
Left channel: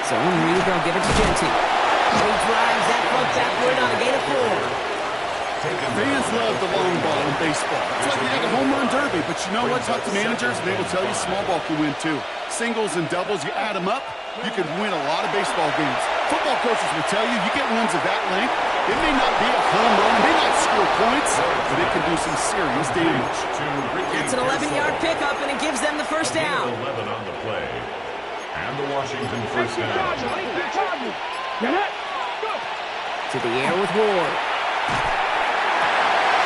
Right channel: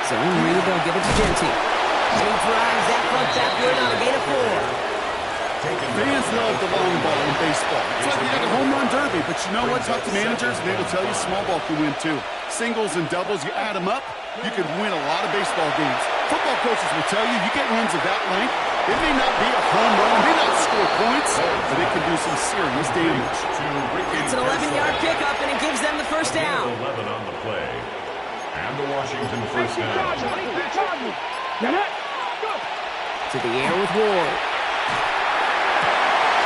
Zone read, they'll give it to Genty. And he drives that foot backward on a gain of 4. Fans love the long ball in baseball. It's like you got a home run derby, but you know what? Talk to managers, and they will tell you small ball can win too. Singles and doubles, you add them up, you can win a lot of baseball games. Football coaches will tell you get runs of that length. It may not be a home run, it may not score points, but it can do some serious damage. That's an 11-yard pickup, and it gives them the 1st down. 11 on the play. And the Washington 1st down. To the air with Ward.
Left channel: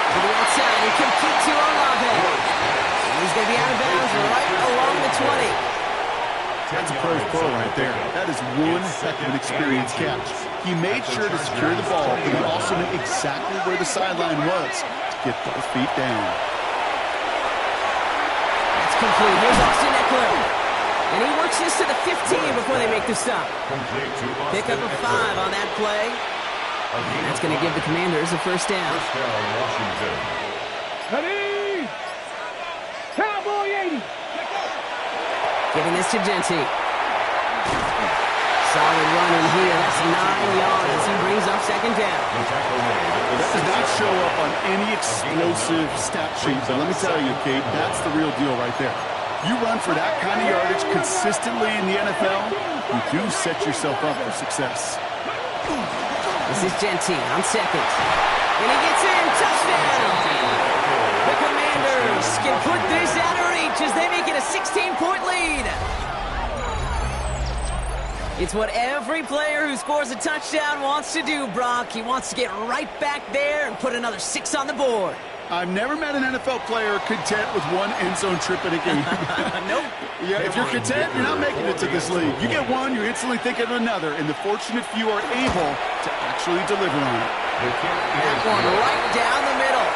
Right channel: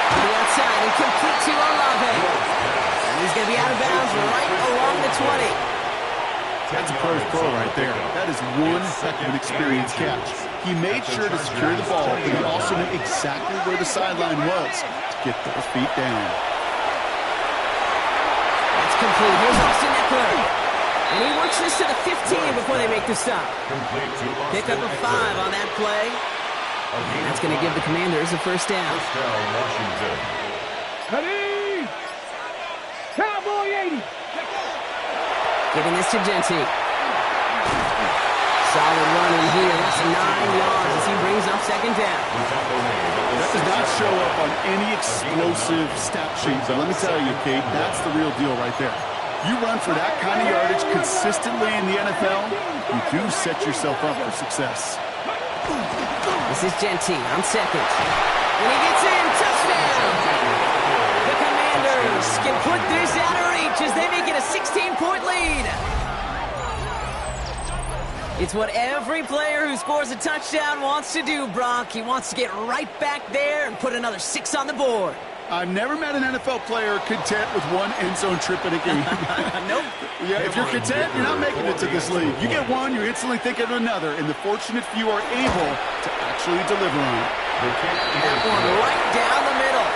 To the outside and complete to Olave. And he's going to be out of bounds right along the 20. That's a pro's pro right there. That is one heck of an experienced catch. He made sure to secure the ball, but he also knew exactly where the sideline was to get those feet down. That's complete. Here's Austin Eckler. And he works this to the 15 before they make the stop. Pick up a 5 on that play. And that's going to give the Commanders a 1st down. 1st down, Washington. Ready. Cowboy 80. Giving this to Genty. Solid run in here. That's 9 yards as he brings up 2nd down. That does not show up on any explosive stat sheet, but let me tell you, Kate, that's the real deal right there. You run for that kind of yardage consistently in the NFL, you do set yourself up for success. This is Genty on 2nd. And he gets in. Touchdown! The Commanders can put this out of reach as they make it a 16-point lead. It's what every player who scores a touchdown wants to do, Brock. He wants to get right back there and put another 6 on the board. I've never met an NFL player content with one end zone trip in a game. Nope. Yeah, if you're content, you're not making it to this league. You get one, you're instantly thinking of another, and the fortunate few are able to actually deliver on it. That one right down the middle.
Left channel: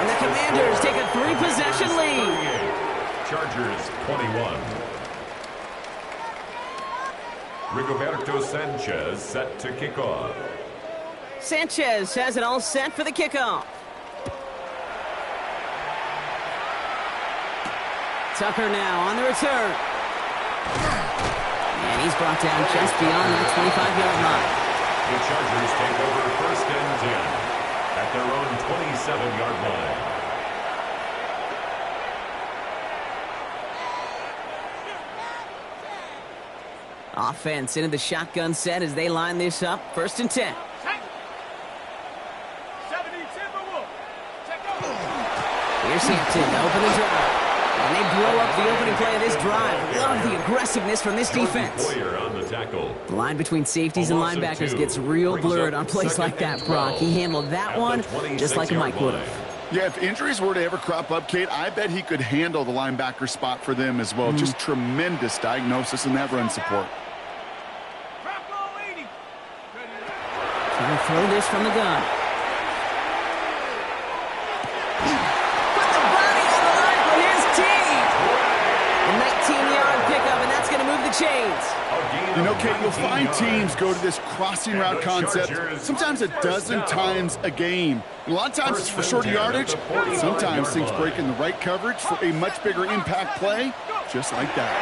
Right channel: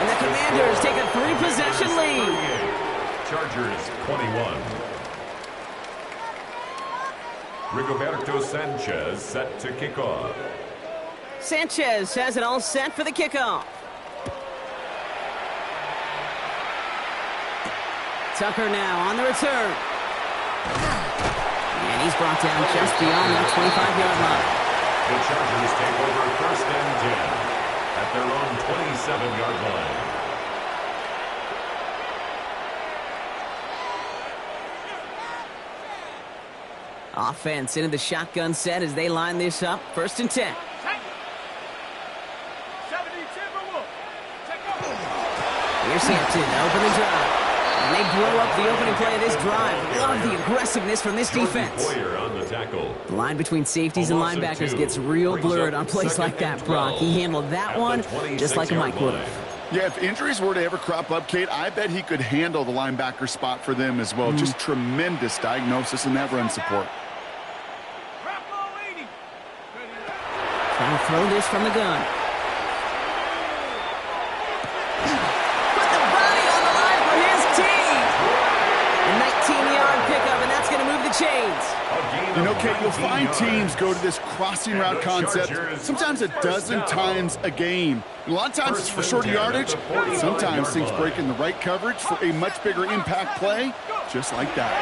And the Commanders take a 3-possession lead. Chargers 21. Rigoberto Sanchez set to kick off. Sanchez has it all set for the kickoff. Tucker now on the return. And he's brought down just beyond that 25-yard line. The Chargers take over 1st and 10 at their own 27-yard line. Offense into the shotgun set as they line this up. 1st and 10. 70 Timberwolves. Check out. Here's Hampton to open the drive. And they blow up the opening play of this drive. Love the aggressiveness from this defense. On the tackle. The line between safeties and linebackers gets real blurred on plays like that, Brock. He handled that one just like a Mike would have. Yeah, if injuries were to ever crop up, Kate, I bet he could handle the linebacker spot for them as well. Just tremendous diagnosis in that run support. Trying to throw this from the gun. Put the body on the line for his team. A 19-yard pickup, and that's going to move the the chains. You know, Kate, you'll find teams go to this crossing route concept sometimes a dozen times a game. And a lot of times it's for shorter yardage. Sometimes things break in the right coverage for a much bigger impact play, just like that.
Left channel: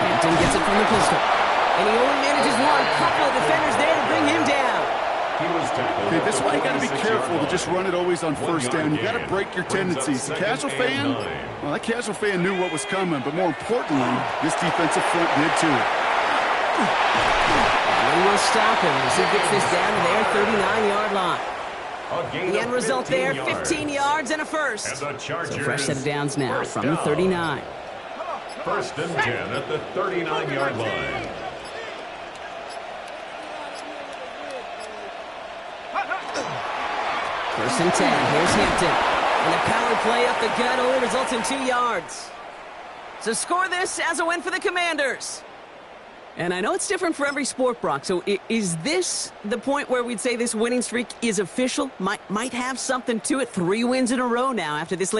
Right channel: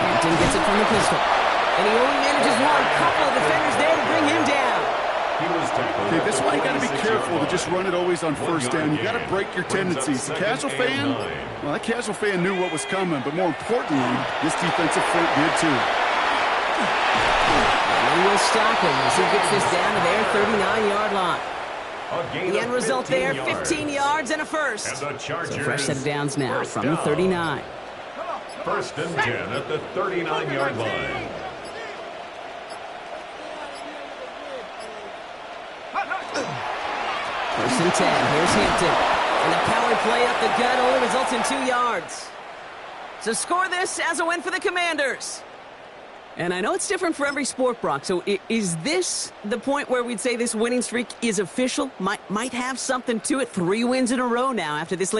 Hampton gets it from the pistol. And he only manages one. Couple of defenders there to bring him down. Okay, this is why you got to be careful to just run it always on first down. You got to break your tendencies. The casual fan, well, that casual fan knew what was coming, but more importantly, this defensive front did too. And then we'll stop him as he gets this down to their 39-yard line. The end result there, 15 yards and a first. So fresh set of downs now from the 39. First and 10 at the 39-yard line. First and 10. Here's Hampton. And a power play up the gut only results in 2 yards. So score this as a win for the Commanders. And I know it's different for every sport, Brock. So is this the point where we'd say this winning streak is official? Might have something to it. 3 wins in a row now after this.